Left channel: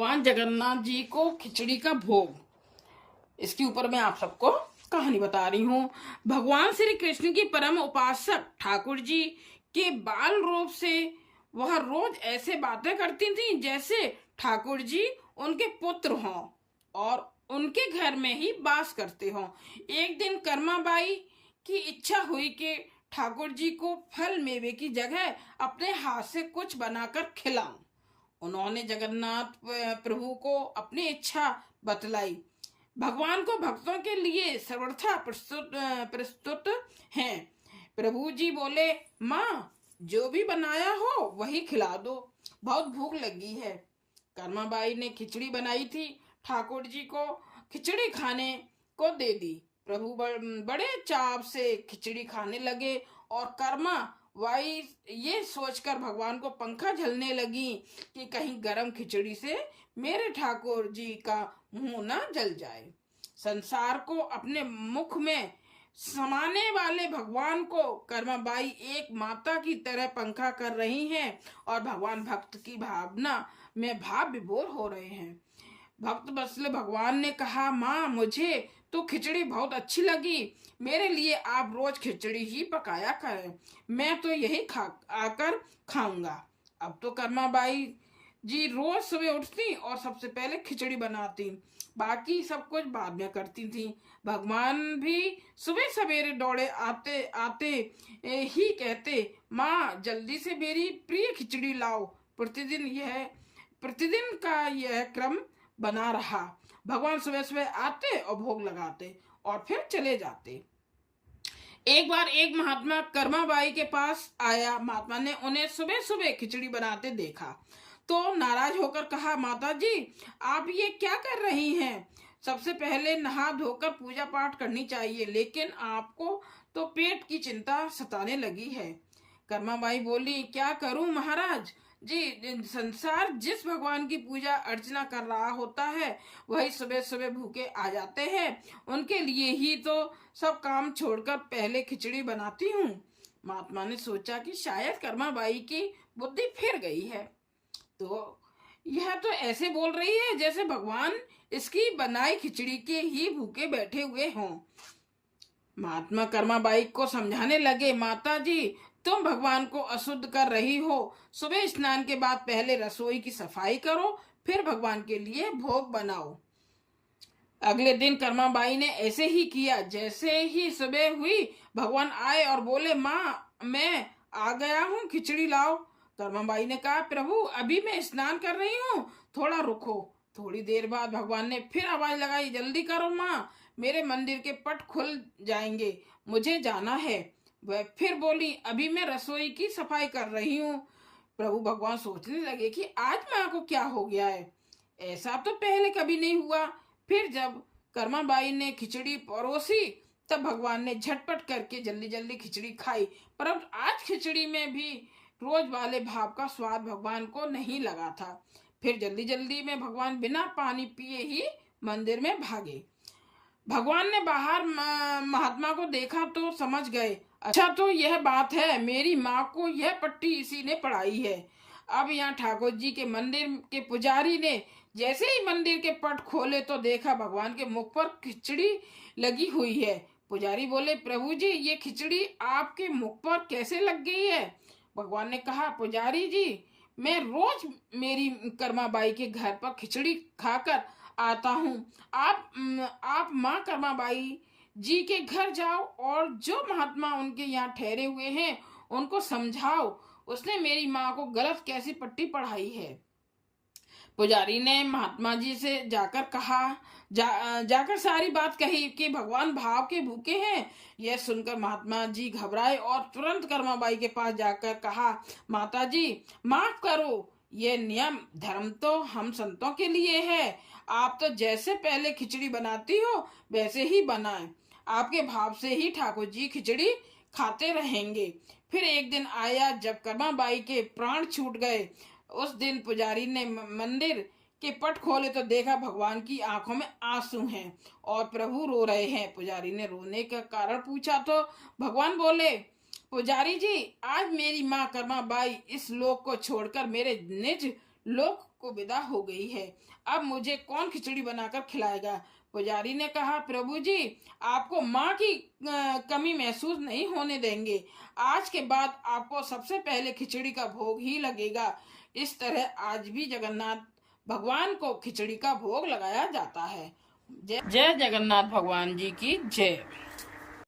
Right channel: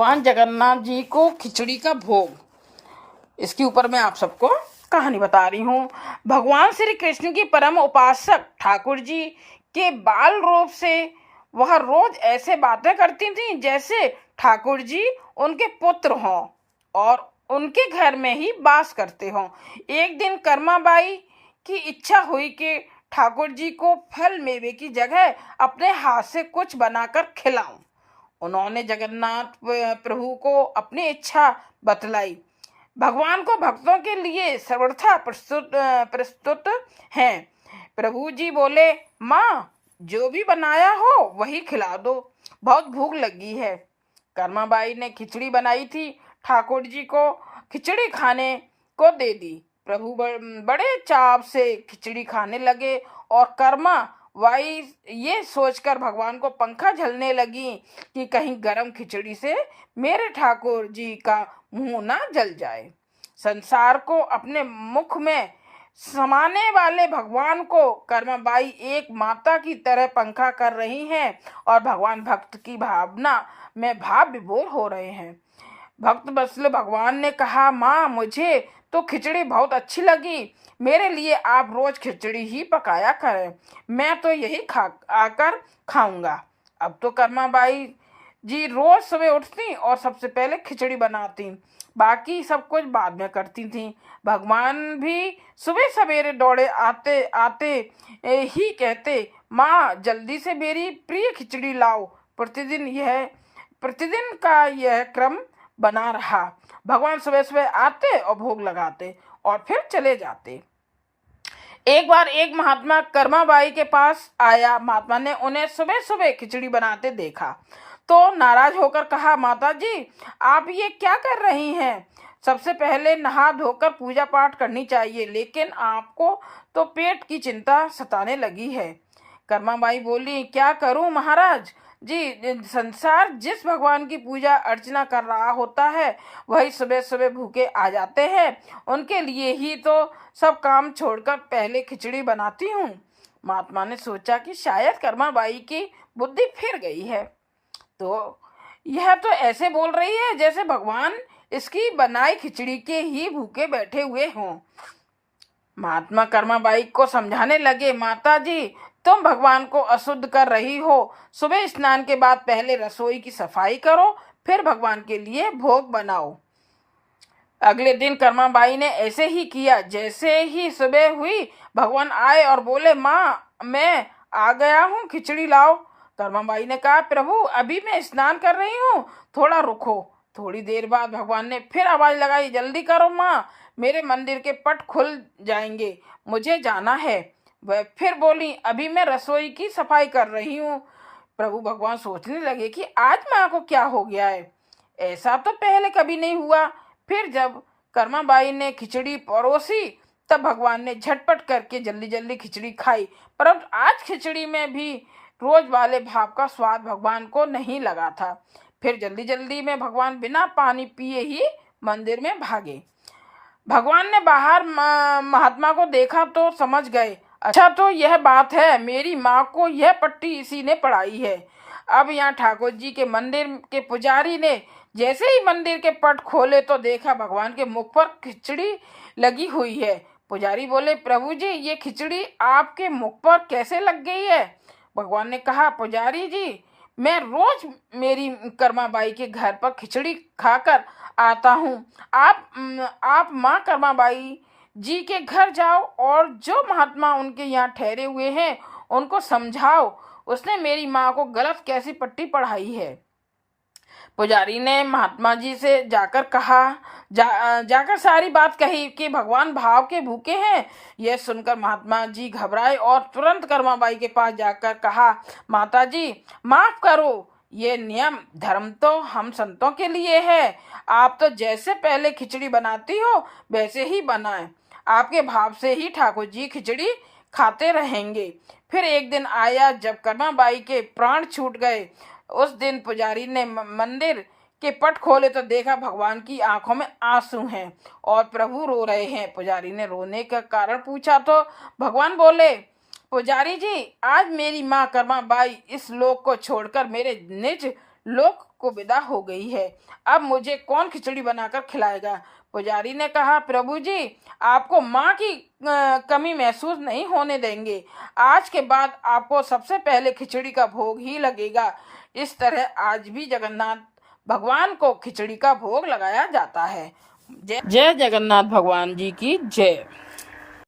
भगवान जगन्नाथ जी को खिचड़ी का भोग, इसके ऊपर मैं आप सबको कहानी बता रही हूँ। भगवान श्री कृष्ण की परम उपासक ठाकुर जी के बाल रूप से वह रोज ऐसे बातें करती थी जैसे ठाकुर जी उनके पुत्र हों और उनके घर में ही वास करते हों। एक दिन कर्माबाई की इच्छा हुई कि ठाकुर जी को फल मेवे की जगह अपने हाथ से कुछ बनाकर खिलाऊं। उन्होंने जगन्नाथ प्रभु को अपनी इच्छा बतलाई। भगवान को भक्तों के लिए सर्वथा प्रस्तुत प्रस्तुत हैं। प्रभु जी बोले, माँ जो भी बनाया हो वही खिला दो, बहुत भूख लगी है। कर्माबाई ने खिचड़ी बनाई थी, ठाकुर जी को खिचड़ी खाने को दे दी। प्रभु बड़े चाव से खिचड़ी खाने लगे और कर्मा वाई ये सोचकर भगवान को पंखा झलने लगी कि कहीं गरम खिचड़ी से मेरे ठाकुर जी का मुंह ना जल जाए। संसार को अपने मुख में समाने वाले भगवान को कर्माबाई एक माता की तरह पंखा कर रही हैं और भगवान भक्त की भावना में भाव विभोर हो रहे हैं। भक्त बसले भगवान ने कहा, माँ मुझे तो खिचड़ी बहुत अच्छी लगी, मेरे लिए आप रोज खिचड़ी ही पकाया करें, मैं तो यही खा आकर खाऊंगा। अब तो कर्माबाई जी रोज सुबह उठती और सबसे पहले खिचड़ी बनाती, बाकी सब कुछ बाद में करती थी। भगवान भी सुबह सवेरे दौड़े आते आते ही कहते, माँ जल्दी से मेरी प्रिय खिचड़ी लाओ। प्रतिदिन का यह क्रम बना रहा। भगवान सुबह सुबह आते और भोग लगाते और फिर चले जाते। एक बार एक महात्मा कर्माबाई के पास आया। महात्मा ने उन्हें सुबह सुबह खिचड़ी बनाते देखा तो नाराज होकर कहा, माता जी आप ये क्या कर रही हैं? सबसे पहले नहा धोकर पूजा पाठ करनी चाहिए, लेकिन आपको तो पेट की चिंता सताने लगी है। कर्माबाई बोली, क्या करूं महाराज जी, संसार जिस भगवान की पूजा अर्चना कर रहा होता है वही सुबह सुबह भूखे आ जाते हैं, उनके लिए ही तो सब काम छोड़कर पहले खिचड़ी बनाती हूँ। महात्मा ने सोचा कि शायद कर्माबाई की बुद्धि फिर गई है, तो यह तो ऐसे बोल रही है जैसे भगवान इसकी बनाई खिचड़ी के ही भूखे बैठे हुए हों। महात्मा कर्माबाई को समझाने लगे, माता जी तुम भगवान को अशुद्ध कर रही हो, सुबह स्नान के बाद पहले रसोई की सफाई करो, फिर भगवान के लिए भोग बनाओ। अगले दिन कर्माबाई ने ऐसे ही किया। जैसे ही सुबह हुई भगवान आए और बोले, माँ मैं आ गया हूँ, खिचड़ी लाओ। कर्माबाई ने कहा, प्रभु अभी मैं स्नान कर रही हूँ, थोड़ा रुको। थोड़ी देर बाद भगवान ने फिर आवाज लगाई, जल्दी करो माँ, मेरे मंदिर के पट खुल जाएंगे, मुझे जाना है। वह फिर बोली, अभी मैं रसोई की सफाई कर रही हूँ। प्रभु भगवान सोचने लगे कि आज माँ को क्या हो गया है, ऐसा तो पहले कभी नहीं हुआ। फिर जब कर्माबाई ने खिचड़ी परोसी तब भगवान ने झटपट करके जल्दी जल्दी खिचड़ी खाई, परंतु आज खिचड़ी में भी रोज वाले भाव का स्वाद भगवान को नहीं लगा था। फिर जल्दी जल्दी में भगवान बिना पानी पिए ही मंदिर में भागे। भगवान ने बाहर महात्मा को देखा तो समझ गए, अच्छा तो यह बात है, मेरी माँ को यह पट्टी इसी ने पढ़ाई है। अब यहाँ ठाकुर जी के मंदिर के पुजारी ने जैसे ही मंदिर के पट खोले तो देखा भगवान के मुख पर खिचड़ी लगी हुई है। पुजारी बोले, प्रभु जी ये खिचड़ी आपके मुख पर कैसे लग गई है? भगवान ने कहा, पुजारी जी मैं रोज मेरी कर्माबाई के घर पर खिचड़ी खाकर आता हूँ। आप माँ कर्माबाई जी के घर जाओ और जो महात्मा उनके यहाँ ठहरे हुए हैं उनको समझाओ, उसने मेरी माँ को गलत कैसी पट्टी पढ़ाई है। पुजारी ने महात्मा जी से जाकर कहा, जाकर सारी बात कही कि भगवान भाव के भूखे हैं। यह सुनकर महात्मा जी घबराए और तुरंत कर्माबाई के पास जाकर कहा, माता जी माफ करो, ये नियम धर्म तो हम संतों के लिए है, आप तो जैसे पहले खिचड़ी बनाती हो वैसे ही बनाएं, आपके भाव से ही ठाकुर जी खिचड़ी खाते रहेंगे। फिर एक दिन आया जब कर्माबाई के प्राण छूट गए। उस दिन पुजारी ने मंदिर के पट खोले तो देखा भगवान की आंखों में आंसू हैं और प्रभु रो रहे हैं। पुजारी ने रोने का कारण पूछा तो भगवान बोले, पुजारी जी आज मेरी माँ कर्माबाई इस लोक को छोड़कर मेरे निज लोक को विदा हो गई है। अब मुझे कौन खिचड़ी बनाकर खिलाएगा? पुजारी ने कहा, प्रभु जी, आपको माँ की कमी महसूस नहीं होने देंगे। आज के बाद आपको सबसे पहले खिचड़ी का भोग ही लगेगा। इस तरह आज भी जगन्नाथ भगवान को खिचड़ी का भोग लगाया जाता है। जय जय जगन्नाथ भगवान जी की जय।